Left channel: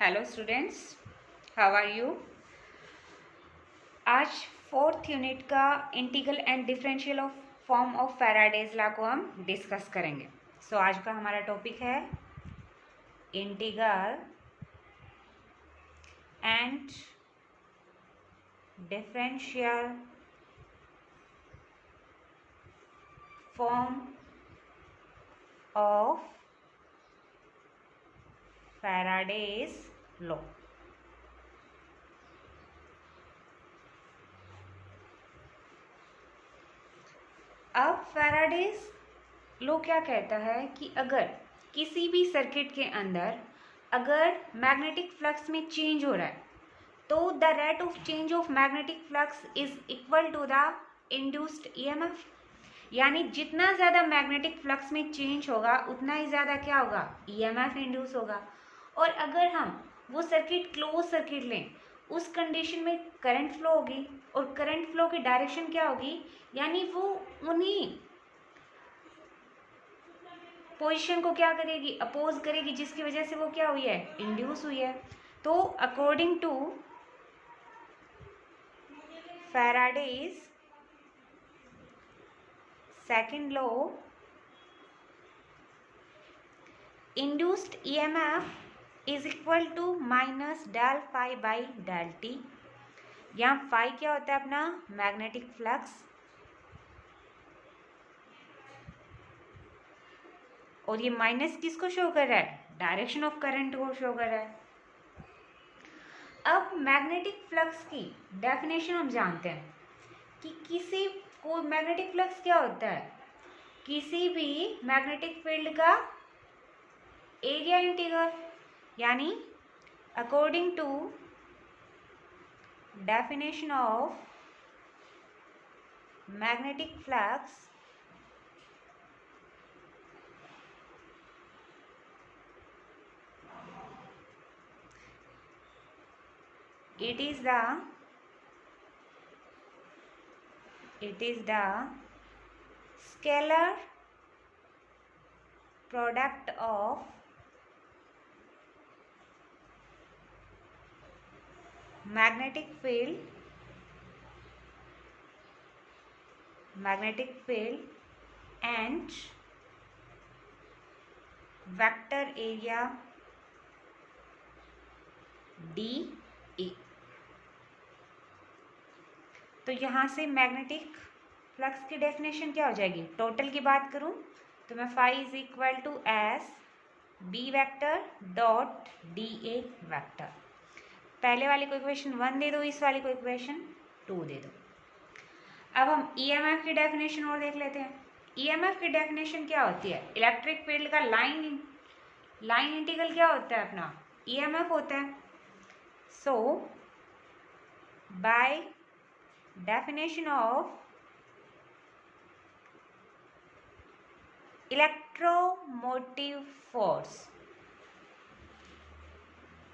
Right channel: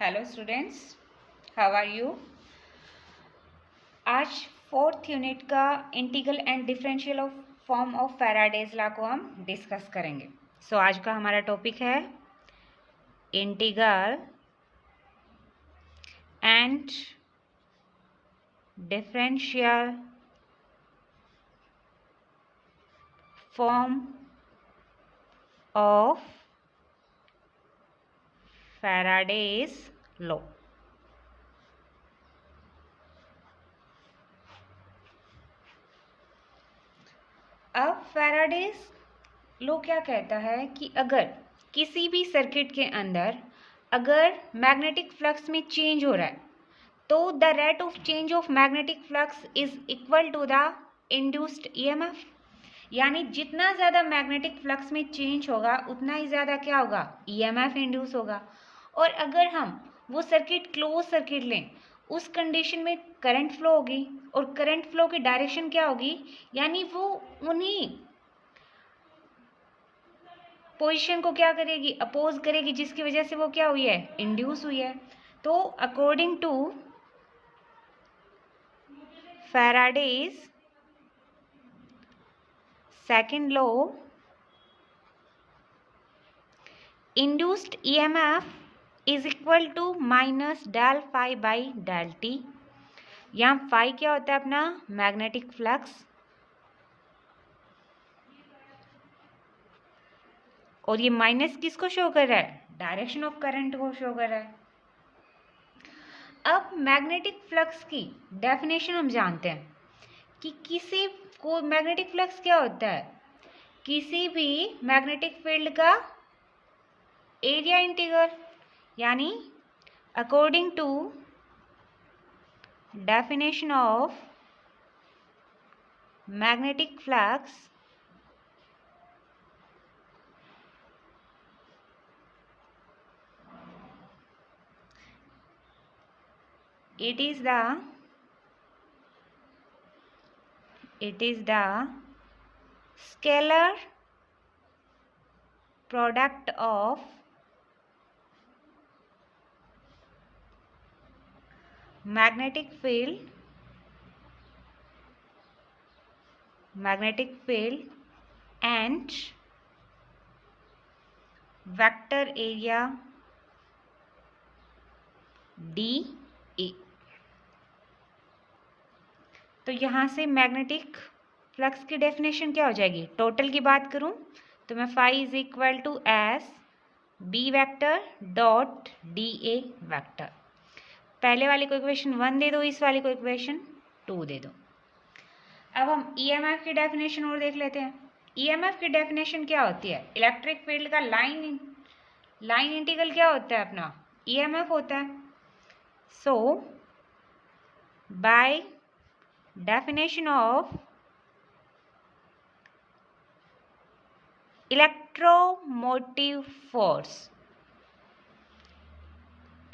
Hello students, how are you. आज fourth unit का integral and differential of form of Faraday's law को हम discuss करेंगे। सो आज का हमारा टॉपिक है integral and differential form of Faraday's law. अब फैराडेज लॉ क्या कहता है कि अगर किसी भी सर्किट के अंदर अगर मैग्नेटिक फ्लक्स में चेंज हो रहा है तो the rate of change of magnetic flux is equal to the induced EMF. यानी जितना ज़्यादा मैग्नेटिक फ्लक्स में चेंज होगा उतना ही ज़्यादा क्या होगा, ईएमएफ इंड्यूस होगा। और अगर हम वो सर्किट क्लोज सर्किट लें, उस कंडीशन में करंट फ्लो होगी और करंट फ्लो की डायरेक्शन क्या होगी, यानी वो उन्हीं पोजीशन को क्या करेगी, अपोज करेगी, जिसकी वजह से वो क्या हुई है, इंड्यूस हुई है। तो according to Faraday's second law, induced EMF is equal to minus del phi by del T. यहाँ फाई क्या होता है, अपना मैग्नेटिक फ्लक्स, और ये माइनस किसको शो कर रहा है, डायरेक्शन ऑफ करंट को शो कर रहा है। अब मैग्नेटिक फ्लक्स की डेफिनेशन हम जानते हैं कि किसी को मैग्नेटिक फ्लक्स क्या होता है, किसी भी मैग्नेटिक फील्ड का एरिया इंटीग्रल। यानी according to definition of magnetic flux, it is the scalar product of magnetic field and vector area dA। तो यहाँ से मैग्नेटिक फ्लक्स की डेफिनेशन क्या हो जाएगी, टोटल की बात करूँ तो मैं phi is equal to S B vector dot D A vector. पहले वाले को इक्वेशन 1 दे दो, इस वाले को इक्वेशन 2 दे दो। अब हम ईएमएफ की डेफिनेशन और देख लेते हैं। ईएमएफ की डेफिनेशन क्या होती है, इलेक्ट्रिक फील्ड का लाइन इंटीग्रल क्या होता है, अपना ईएमएफ होता है। So by definition of electromotive force,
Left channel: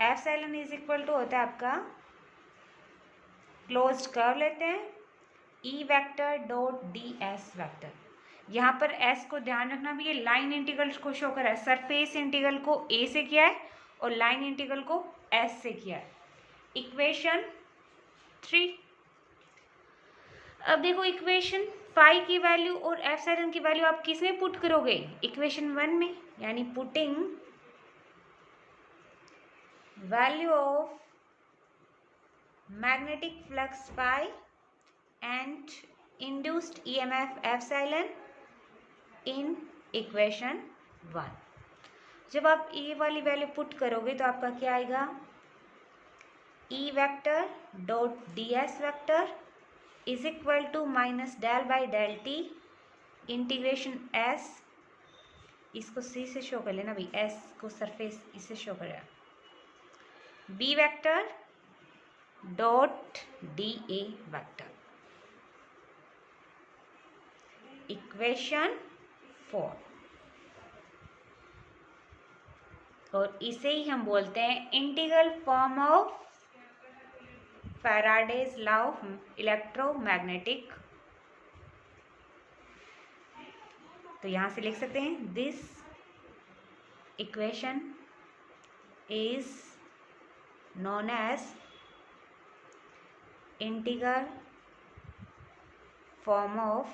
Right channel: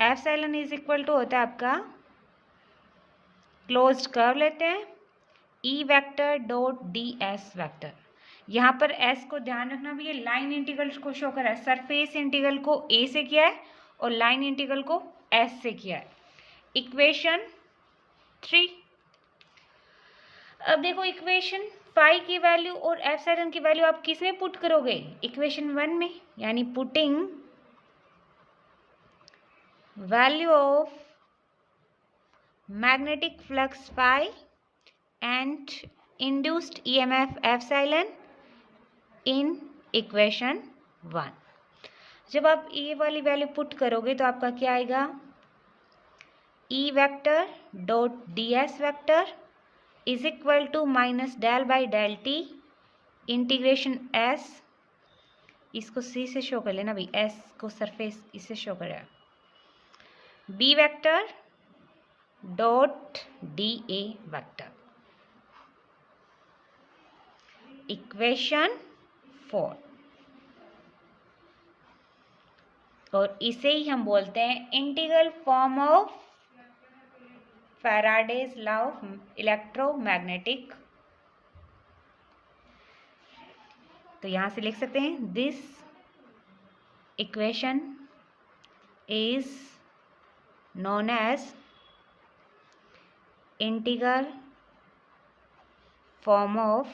epsilon is equal to होता है आपका, क्लोज्ड कर्व लेते हैं, E vector dot D S vector. यहाँ पर एस को ध्यान रखना भी, ये लाइन इंटीग्रल को शो कर रहा है। सरफेस इंटीग्रल को ए से किया है और लाइन इंटीग्रल को एस से किया है। इक्वेशन 3। अब देखो इक्वेशन फाई की वैल्यू और एप्सिलॉन की वैल्यू आप किस में पुट करोगे, इक्वेशन 1 में। यानी putting value of magnetic flux phi and induced EMF epsilon in equation 1। जब आप ये वाली वैल्यू पुट करोगे तो आपका क्या आएगा, E vector dot D S vector is equal to minus del by del T integration S, इसको सी से शो कर लेना भाई, एस को सरफेस इससे शो कर रहा है, B vector dot D A vector. Equation 4, और इसे ही हम बोलते हैं integral form of Faraday's law of electromagnetic. तो यहां से लिख सकते हैं, this equation is known as integral form of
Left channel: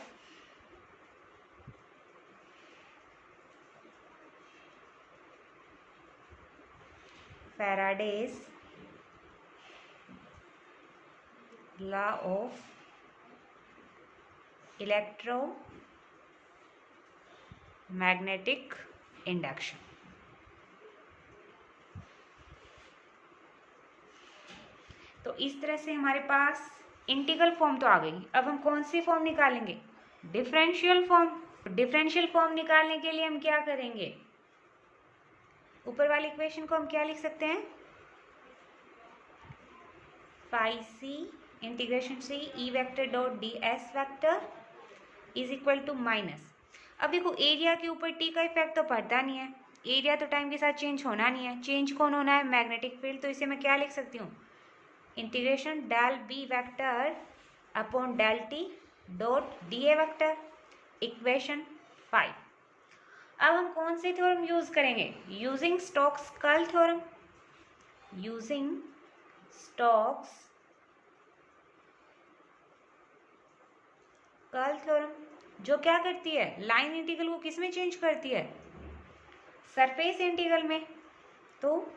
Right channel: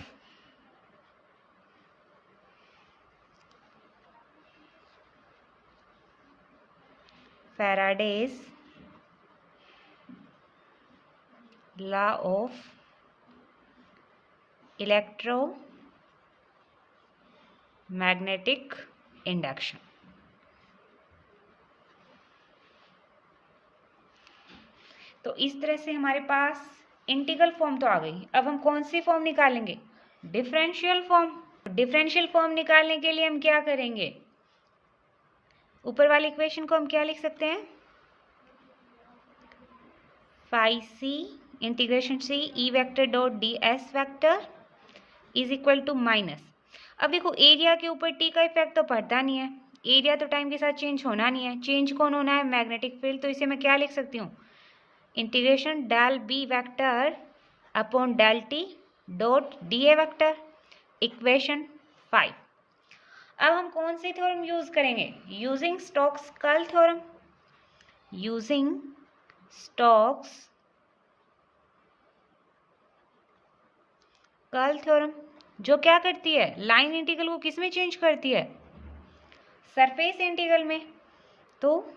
Faraday's law of electromagnetic induction। तो इस तरह से हमारे पास इंटीग्रल फॉर्म तो आ गई। अब हम कौन सी फॉर्म निकालेंगे? Differential form. डिफरेंशियल फॉर्म निकालने के लिए हम क्या करेंगे? ऊपर वाली इक्वेशन को हम क्या लिख सकते हैं? Phi C integration C E vector dot D S vector is equal to minus. अब देखो एरिया के ऊपर टी का इफेक्ट तो पड़ता नहीं है, एरिया तो टाइम के साथ चेंज होना नहीं है, चेंज कौन होना है? Magnetic field. तो इसे मैं क्या लिख सकती हूँ? Integration del B vector upon del T dot D A vector, equation 5। अब हम कौन सी थ्योरम यूज करेंगे? Using Stokes curl theorem. Using Stokes curl theorem, जो क्या करती है? लाइन इंटीग्रल को किस में चेंज करती है? सरफेस इंटीग्रल में। तो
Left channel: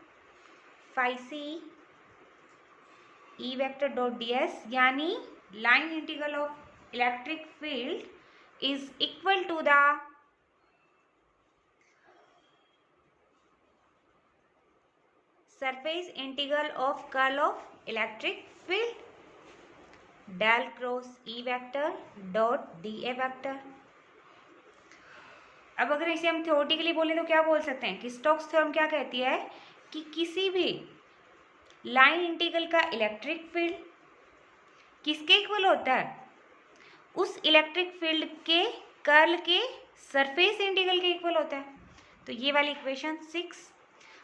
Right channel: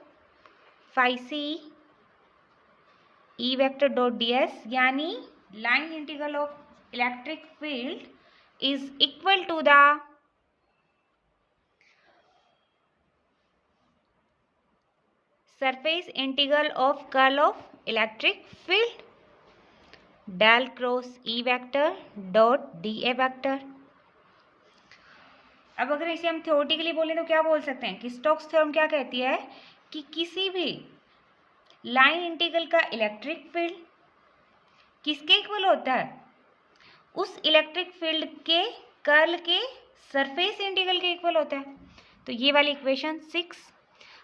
phi C E vector dot D S यानी line integral of electric field is equal to the surface integral of curl of electric field del cross E vector dot D A vector. अब अगर इसे हम theoretically बोलें तो क्या बोल सकते हैं कि स्टोक्स थ्योरम क्या कहती है कि किसी भी लाइन इंटीग्रल का इलेक्ट्रिक फील्ड किसके इक्वल होता है? उस इलेक्ट्रिक फील्ड के कर्ल के सरफेस इंटीग्रल के इक्वल होता है। तो ये वाली इक्वेशन 6।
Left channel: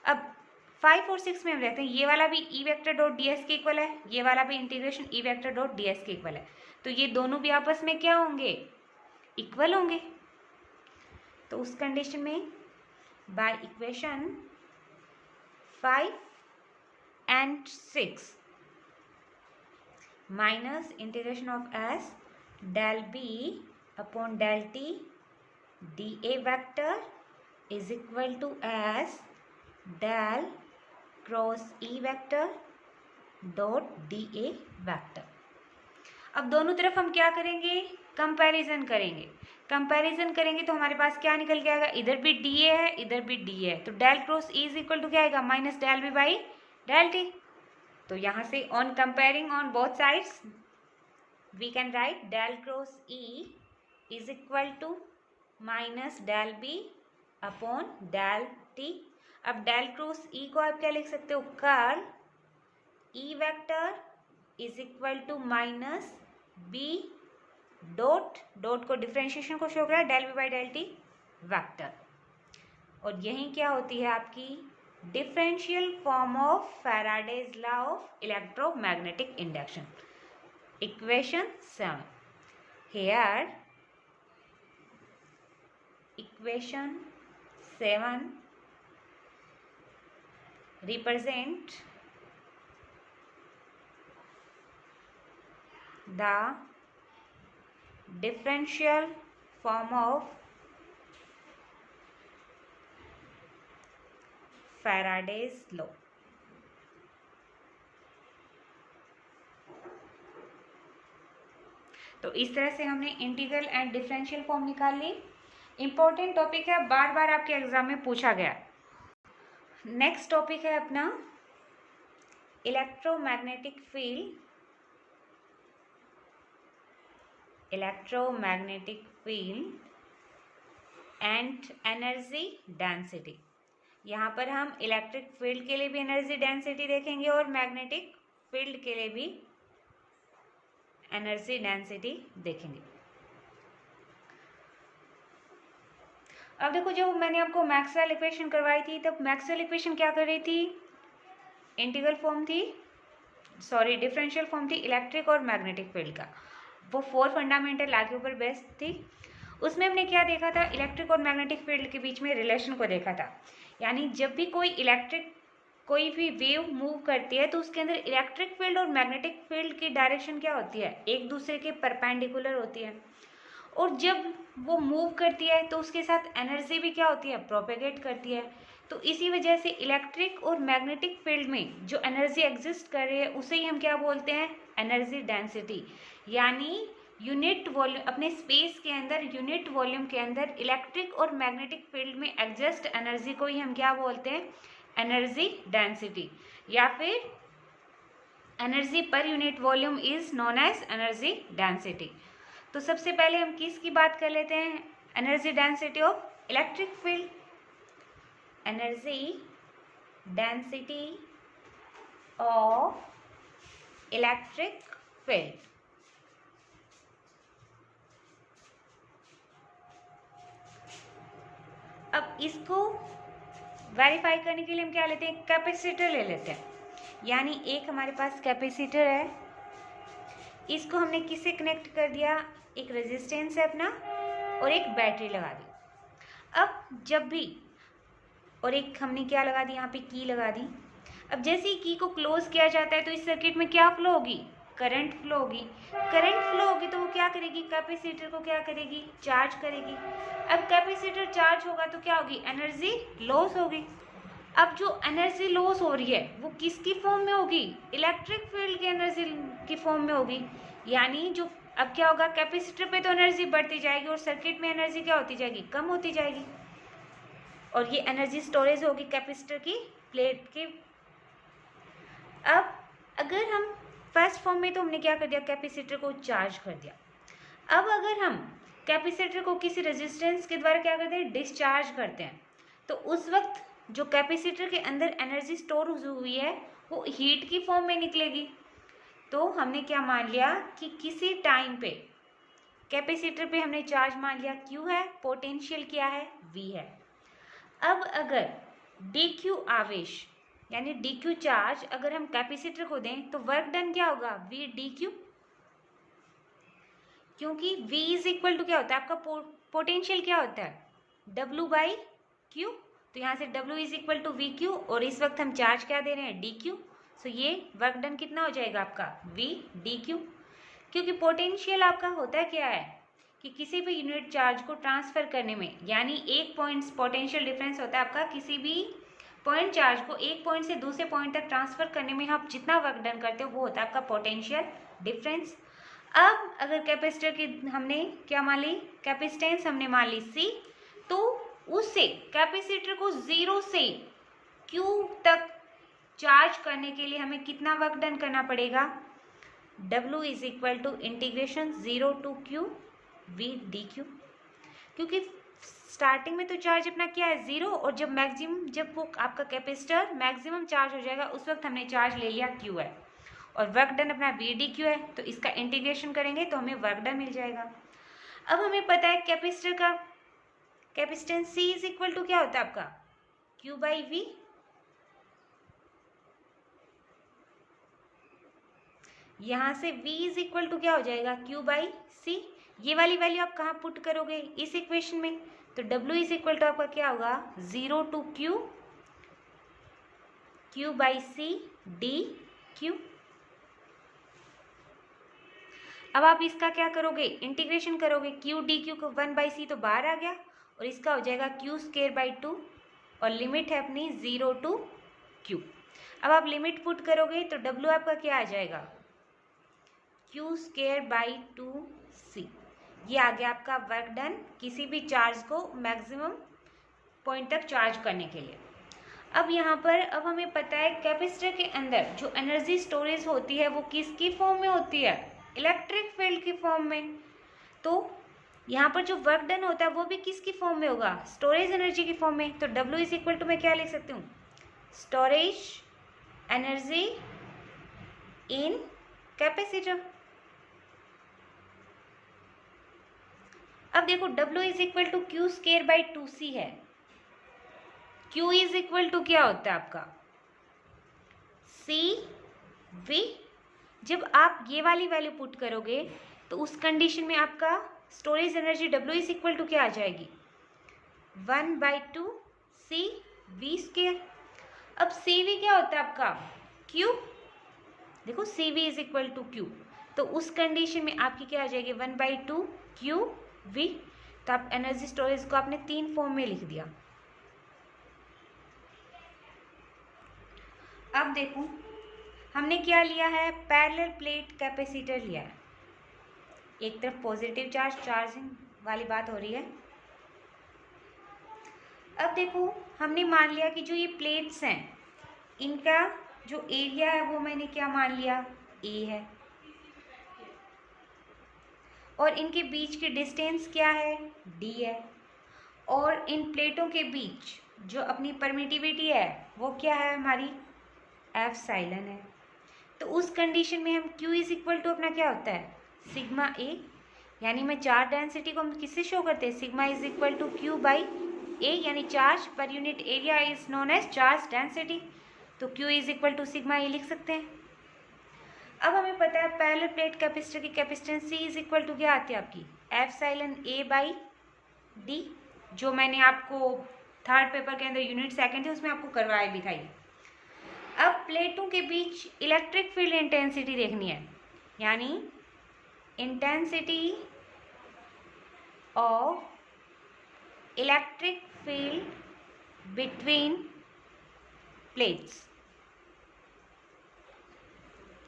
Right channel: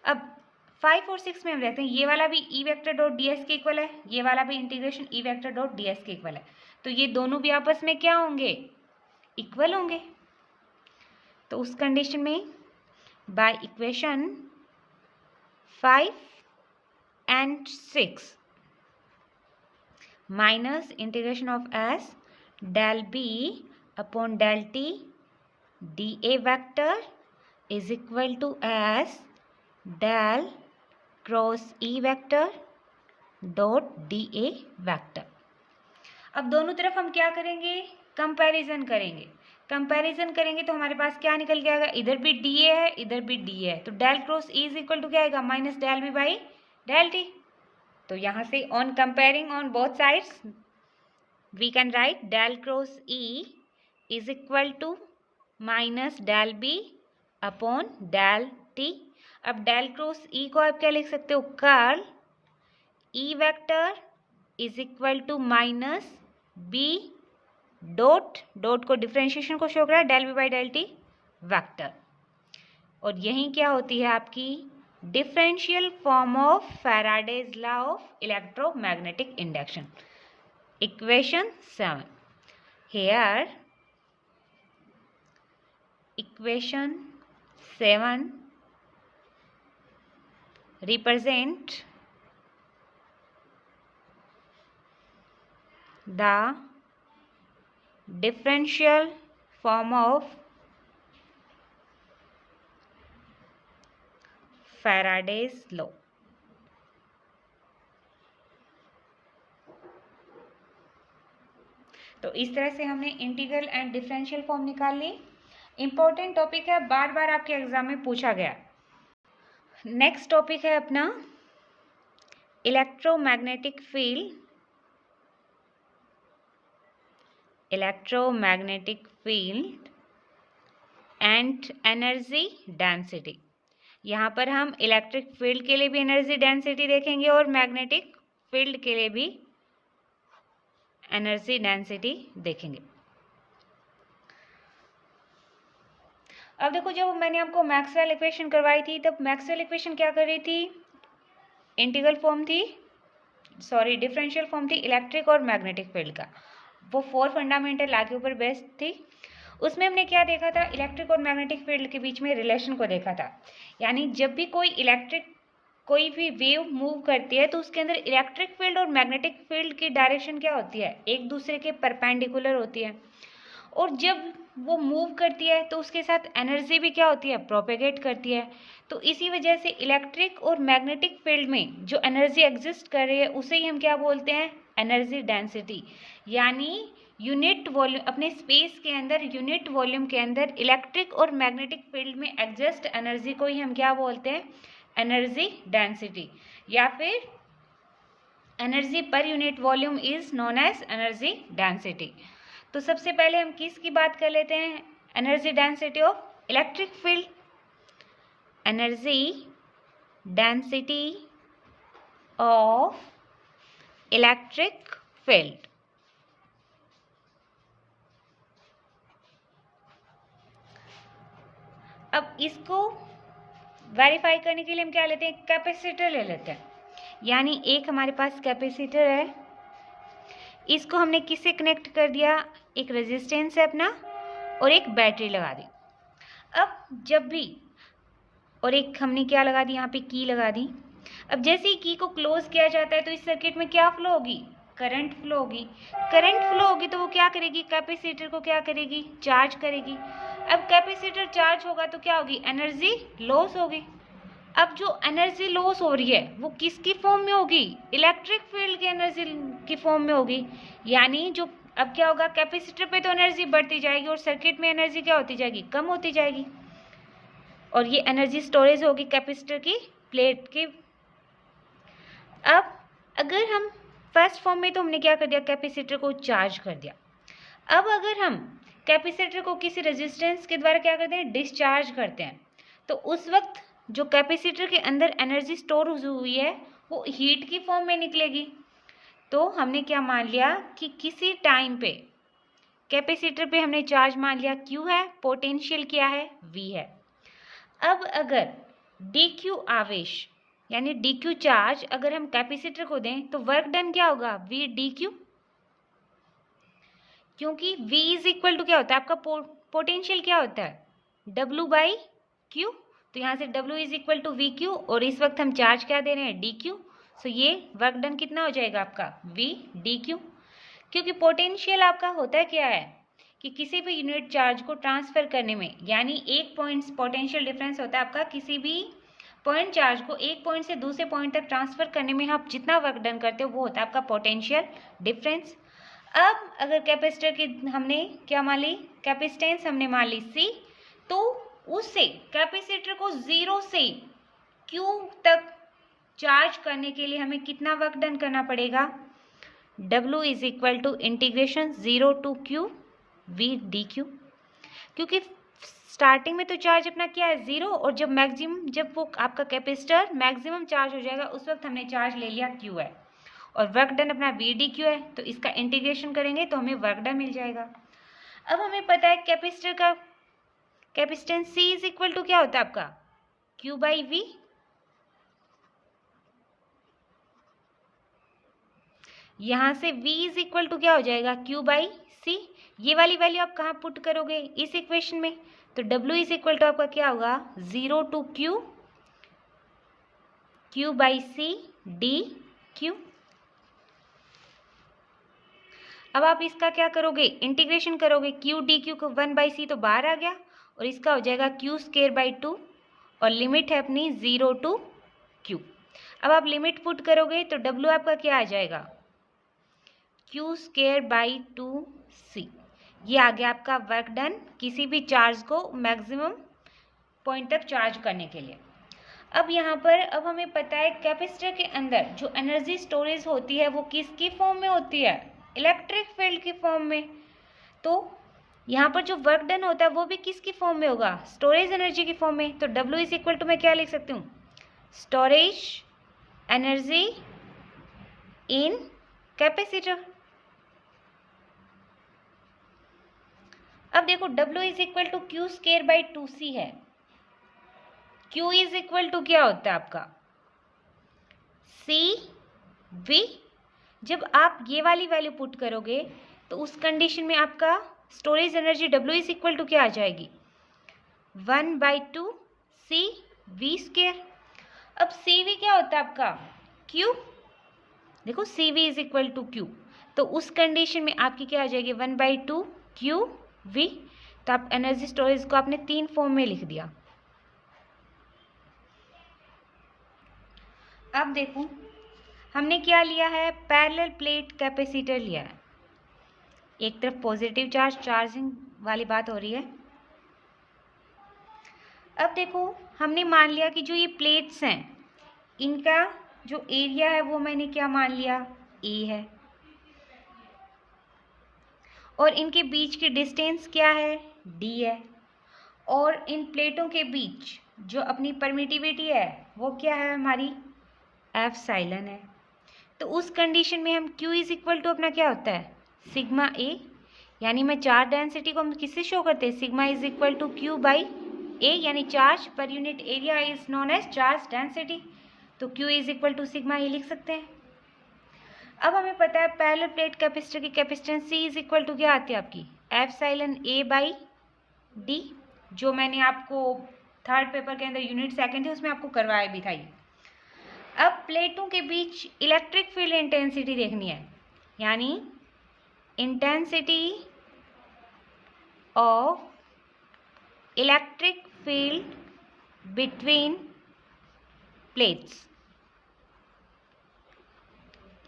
अब 5 और 6 में हम रहते हैं, ये वाला भी ई वेक्टर डॉट डी एस के इक्वल है, ये वाला भी इंटीग्रेशन ई वेक्टर डॉट डी एस के इक्वल है। तो ये दोनों भी आपस में क्या होंगे? इक्वल होंगे। तो उस कंडीशन में by equation 5 and 6 minus integration of S del B upon del T D A vector is equal to S del cross E vector dot D A vector. अब दोनों तरफ हम क्या करेंगे? कंपैरिजन करेंगे। कंपैरिजन करेंगे तो हमारे पास क्या निकल के आएगा? इधर भी डी ए है, इधर भी डी ए है, तो del cross E is equal to क्या आएगा? Minus del B by del T. तो यहाँ से on comparing on both sides we can write del cross E is equal to minus del B upon del T. अब del cross E को आप क्या लिख सकते हो? Curl E vector is equal to minus B dot dot को differentiation को show कर रहा है del B by del T vector. और यही क्या होती है आपकी differential form of Faraday's law of electromagnetic induction, equation 7। Here equation 7 represent the differential form of Faraday's law। तो इस तरह से हमने इंटीग्रल एंड डिफरेंशियल फॉर्म निकाल ली। इंपॉर्टेंट टॉपिक है, बार बार आपके एग्जाम में पूछा गया। नेक्स्ट टॉपिक है अपना electromagnetic field, electromagnetic field and energy density. यहाँ पर हम इलेक्ट्रिक फील्ड के लिए भी एनर्जी डेंसिटी देखेंगे और मैग्नेटिक फील्ड के लिए भी एनर्जी डेंसिटी देखेंगे। अब देखो, जब मैंने आपको मैक्सवेल इक्वेशन करवाई थी तब मैक्सवेल इक्वेशन क्या कर रही थी? इंटीग्रल फॉर्म थी, सॉरी डिफरेंशियल फॉर्म थी इलेक्ट्रिक और मैग्नेटिक फील्ड का। वो 4 फंडामेंटल लॉ के ऊपर बेस्ड थी। उसमें हमने क्या देखा था? इलेक्ट्रिक और मैग्नेटिक फील्ड के बीच में रिलेशन को देखा था। यानी जब भी कोई इलेक्ट्रिक कोई भी वेव मूव करती है तो उसके अंदर इलेक्ट्रिक फील्ड और मैग्नेटिक फील्ड की डायरेक्शन क्या होती है, एक दूसरे के परपेंडिकुलर होती है। और जब वो मूव करती है तो उसके साथ एनर्जी भी क्या होती है, प्रोपेगेट करती है। तो इसी वजह से इलेक्ट्रिक और मैग्नेटिक फील्ड में जो एनर्जी एग्जिस्ट कर रही है उसे ही हम क्या बोलते हैं, एनर्जी डेंसिटी। यानी यूनिट वॉल्यूम, अपने स्पेस के अंदर यूनिट वॉल्यूम के अंदर इलेक्ट्रिक और मैग्नेटिक फील्ड में एग्जिस्ट एनर्जी को ही हम क्या बोलते हैं, एनर्जी डेंसिटी, या फिर energy per unit volume is known as energy density. तो सबसे पहले हम किसकी बात कर लेते हैं, energy density of electric field. Energy density of electric field. अब इसको वेरीफाई करने के लिए हम क्या लेते हैं, कैपेसिटर ले लेते हैं। यानी एक हमारे पास कैपेसिटर है, इसको हमने किससे कनेक्ट कर दिया, एक रेजिस्टेंस है अपना और एक बैटरी लगा दी। अब जब भी, और एक हमने क्या लगा दी, यहाँ पे की लगा दी। अब जैसे ही की को क्लोज किया जाता है तो इस सर्किट में क्या फ्लो होगी, करंट फ्लो होगी। करंट फ्लो होगी तो वो क्या करेगी, कैपेसिटर को क्या करेगी, चार्ज करेगी। अब कैपेसिटर चार्ज होगा तो क्या होगी, एनर्जी लॉस होगी। अब जो एनर्जी लॉस हो रही है वो किसकी फॉर्म में होगी, इलेक्ट्रिक फील्ड की एनर्जी की फॉर्म में होगी। यानी जो अब क्या होगा, कैपेसिटर पे तो एनर्जी बढ़ती जाएगी और सर्किट में एनर्जी क्या होती जाएगी, कम होती जाएगी। और ये एनर्जी स्टोरेज होगी कैपेसिटर की प्लेट की। अब अगर हम फर्स्ट फॉर्म में तो हमने क्या कर दिया, कैपेसिटर को चार्ज कर दिया। अब अगर हम कैपेसिटर को किसी रेजिस्टेंस के द्वारा क्या करते हैं, डिस्चार्ज करते हैं, तो उस वक्त जो कैपेसिटर के अंदर एनर्जी स्टोर हुई है वो हीट की फॉर्म में निकलेगी। तो हमने क्या मान लिया कि किसी टाइम पे कैपेसिटर पे हमने चार्ज मान लिया Q है, पोटेंशियल क्या है, V है। अब अगर dq आवेश यानी dq चार्ज अगर हम कैपेसिटर को दें तो वर्क डन क्या होगा, V dq, क्योंकि V इज इक्वल टू क्या होता है आपका पोटेंशियल क्या होता है, W बाई Q। तो यहाँ से W is equal to V Q और इस वक्त हम चार्ज क्या दे रहे हैं, dq। सो ये वर्क डन कितना हो जाएगा आपका, V dq। क्योंकि पोटेंशियल आपका होता है क्या है कि किसी भी यूनिट चार्ज को ट्रांसफर करने में, यानी एक पॉइंट पोटेंशियल डिफरेंस होता है आपका, किसी भी पॉइंट चार्ज को एक पॉइंट से दूसरे पॉइंट तक ट्रांसफर करने में आप जितना वर्क डन करते हो वो होता है आपका पोटेंशियल डिफरेंस। अब अगर कैपेसिटर की हमने क्या मान ली, कैपेसिटेंस हमने मान ली C, तो उससे कैपेसिटर को 0 से Q तक चार्ज करने के लिए हमें कितना वर्क डन करना पड़ेगा, W is equal to integration 0 to Q V dq। क्योंकि स्टार्टिंग में तो चार्ज अपना क्या है 0, और जब मैक्सिमम, जब वो आपका कैपेसिटर मैक्सिमम चार्ज हो जाएगा उस वक्त हमने चार्ज ले लिया Q है और वर्क डन अपना V dq है। तो इसका इंटीग्रेशन करेंगे तो हमें वर्क डन मिल जाएगा। अब हमें पता है कैपेसिटर का capacitance C is equal to क्या होता है आपका, Q बाई V। यहाँ से V इज इक्वल टू क्या हो जाएगा, Q बाई C। ये वाली वैल्यू आप कहाँ पुट करोगे, इस इक्वेशन में। तो W इज इक्वल टू आपका क्या होगा, 0 to Q by C dq। अब आप इसका क्या करोगे, इंटीग्रेशन करोगे, Q dq को 1 बाई C तो बाहर आ गया और इसका हो जाएगा Q स्क्वायर बाई 2 और लिमिट है अपनी 0 to Q। अब आप लिमिट पुट करोगे तो W आपका क्या आ जाएगा, Q स्क्वायर बाई 2C। ये आ गया आपका वर्क डन किसी भी चार्ज को मैक्सिमम पॉइंट तक चार्ज करने के लिए। अब यहाँ पर अब हमें पता है कैपेसिटर के अंदर जो एनर्जी स्टोरेज होती है वो किसकी फॉर्म में होती है, इलेक्ट्रिक फील्ड की फॉर्म में। तो यहाँ पर जो वर्क डन होता है वो भी किसकी फॉर्म में होगा, स्टोरेज एनर्जी की फॉर्म में। तो W इज इक्वल टू मैं क्या लिख सकती हूँ, स्टोरेज एनर्जी इन कैपेसिटर। अब देखो W is equal to Q square by 2C है। Q इज इक्वल टू क्या होता है आपका, CV। जब आप ये वाली वैल्यू पुट करोगे तो उस कंडीशन में आपका storage energy W is equal to क्या आ जाएगी, 1 बाई 2 C V स्क्वायर। अब CV क्या होता है आपका, Q, देखो CV is equal to Q, तो उस कंडीशन में आपकी क्या आ जाएगी 1/2 QV। तो आप एनर्जी स्टोरेज को आपने 3 फॉर्म में लिख दिया। अब देखो हमने क्या लिया है, पैरेलल प्लेट कैपेसिटर लिया है, एक तरफ पॉजिटिव चार्ज चार्जिंग वाली बात हो रही है। अब देखो हमने मान लिया कि जो ये प्लेट्स हैं इनका जो एरिया है वो मैंने क्या मान लिया, A है, और इनके बीच की डिस्टेंस क्या है, D है, और इन प्लेटों के बीच जो अपनी परमिटिविटी है वो क्या है हमारी, एप्सिलॉन है। तो उस कंडीशन में हम Q इज इक्वल टू अपना क्या होता है, सिग्मा A, यानी मैं चार्ज डेंसिटी को हम किससे शो करते हैं, sigma is equal to Q by A, यानी charge per unit area is known as charge density. तो Q is equal to sigma A लिख सकते हैं। अब हमें पता है पैरेलल प्लेट कैपेसिटर की capacitance C is equal to क्या आती है आपकी, एप्सिलॉन A बाई D, जो मैंने आपको थर्ड पेपर के अंदर यूनिट सेकंड है उसमें आपको करवाया भी था ये। अब प्लेटों के बीच इलेक्ट्रिक फील्ड इंटेंसिटी देखनी है, यानी intensity of electric field between plates,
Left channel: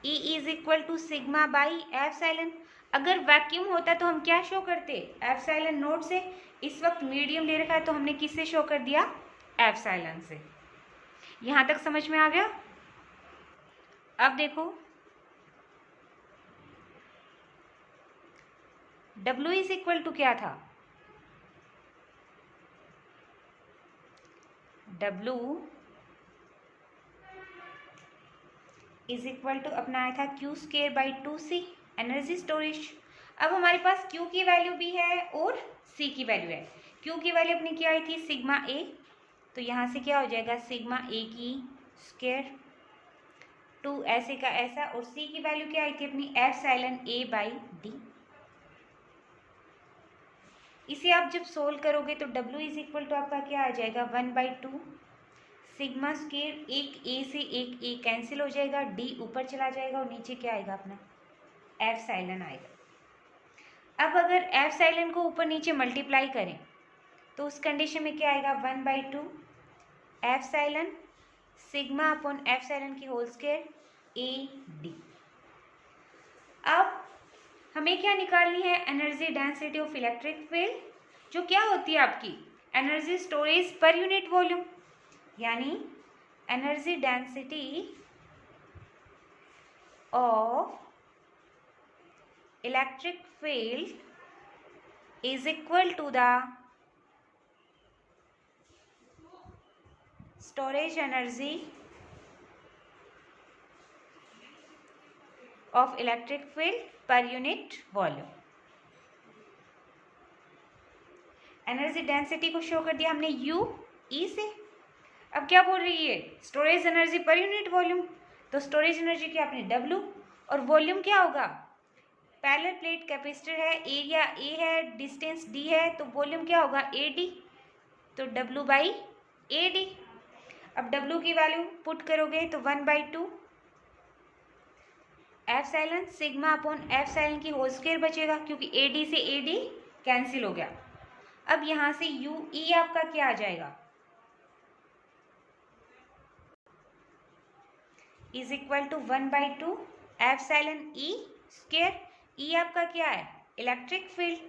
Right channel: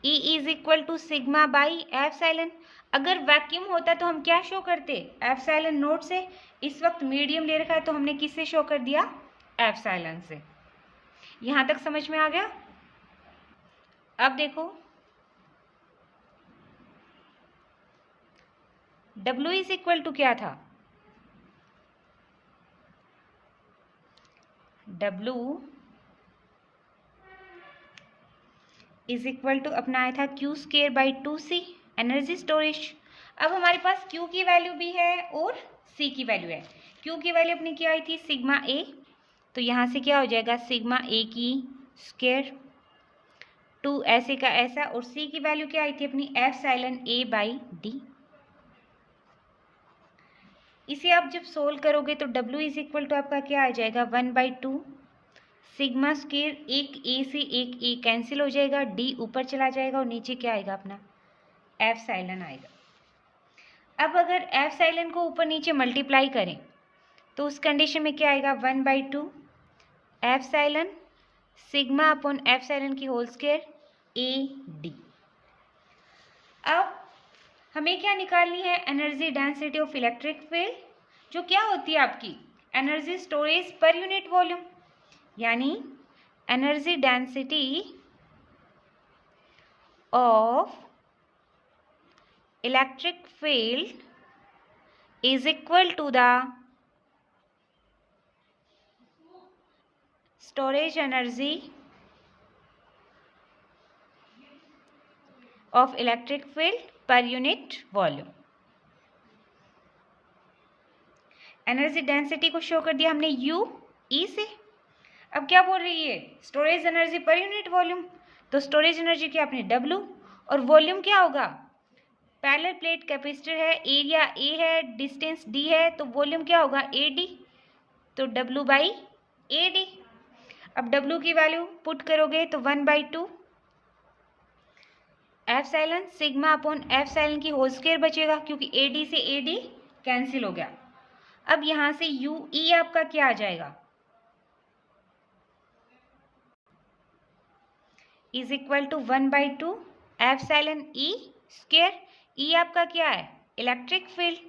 E is equal to sigma by epsilon. अगर वैक्यूम होता तो हम क्या शो करते, एप्सिलॉन नोट से। इस वक्त मीडियम ले रखा है तो हमने किससे शो कर दिया, एप्सिलॉन से। यहां तक समझ में आ गया। अब देखो W इज इक्वल टू क्या था, W इज इक्वल टू अपना आया था Q square by 2C energy storage. अब हमारे पास Q की वैल्यू भी है और C की वैल्यू है। Q की वैल्यू अपनी क्या आई थी, सिग्मा A, तो यहाँ से क्या हो जाएगा सिग्मा A की स्क्वायर 2 ऐसे का ऐसा, और C की वैल्यू क्या आई थी अपनी एप्सिलॉन A बाई D। इसे आप जब सोल्व करोगे तो W इज इक्वल टू आपका क्या आ जाएगा 1/2 सिग्मा स्क्वायर, एक A से एक A कैंसिल हो जाएगा, D ऊपर चला जाएगा और नीचे क्या आएगा अपना एप्सिलॉन आएगा। अब अगर एप्सिलॉन को ऊपर नीचे मल्टीप्लाई करें तो उस कंडीशन में क्या आएगा 1/2 एप्सिलॉन सिग्मा अपॉन एप्सिलॉन की होल स्क्वायर AD। अब हमें क्या निकालनी है, energy density of electric field, जो क्या होती है आपकी energy storage per unit volume, यानी energy density of electric field is equal to the storage energy of electric field per unit volume. Energy density को शो कर दिया हमने U E से। अब क्या बोल रही है, storage energy per unit volume, तो स्टोरेज एनर्जी क्या अपने W, और वॉल्यूम क्या होगा, पैरेलल प्लेट कैपेसिटर है, एरिया A है, डिस्टेंस D है, तो वॉल्यूम क्या होगा AD, तो W बाई AD। अब W की वैल्यू पुट करोगे तो 1/2 एप्सिलॉन सिग्मा अपॉन एप्सिलॉन की होल स्क्वायर बचेगा, क्योंकि AD से AD कैंसिल हो गया। अब यहां से UE आपका क्या आ जाएगा, is equal to 1/2 epsilon E square. E आपका क्या है, इलेक्ट्रिक फील्ड।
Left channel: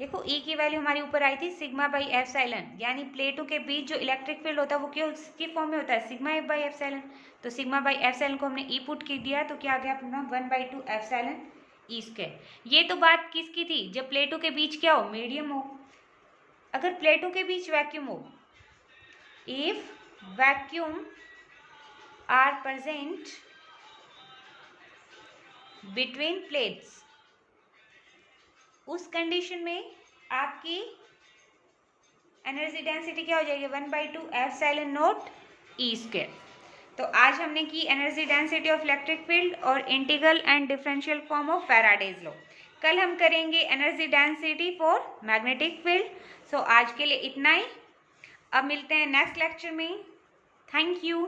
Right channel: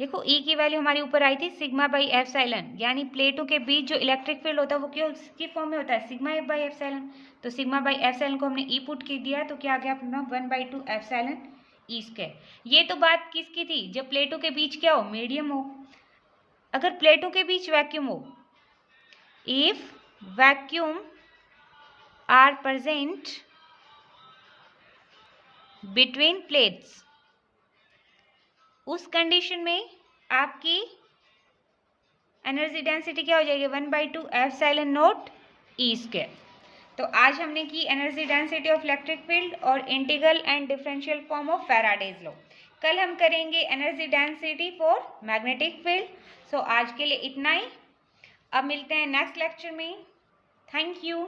देखो E की वैल्यू हमारी ऊपर आई थी सिग्मा बाई एप्सिलॉन, यानी प्लेटों के बीच जो इलेक्ट्रिक फील्ड होता है वो क्या किसकी फॉर्म में होता है, सिग्मा बाई एप्सिलॉन। तो सिग्मा बाई एप्सिलॉन को हमने E पुट कर दिया, तो क्या आ गया अपना 1/2 एप्सिलॉन E स्क्वायर। ये तो बात किसकी थी, जब प्लेटों के बीच क्या हो, मीडियम हो। अगर प्लेटों के बीच वैक्यूम हो, if vacuum are present between plates, उस कंडीशन में आपकी एनर्जी डेंसिटी क्या हो जाएगी 1/2 एप्सिलॉन नॉट E स्क्वायर। तो आज हमने की energy density of electric field और integral and differential form of Faraday's law. कल हम करेंगे energy density for magnetic field. So आज के लिए इतना ही, अब मिलते हैं नेक्स्ट लेक्चर में। Thank you.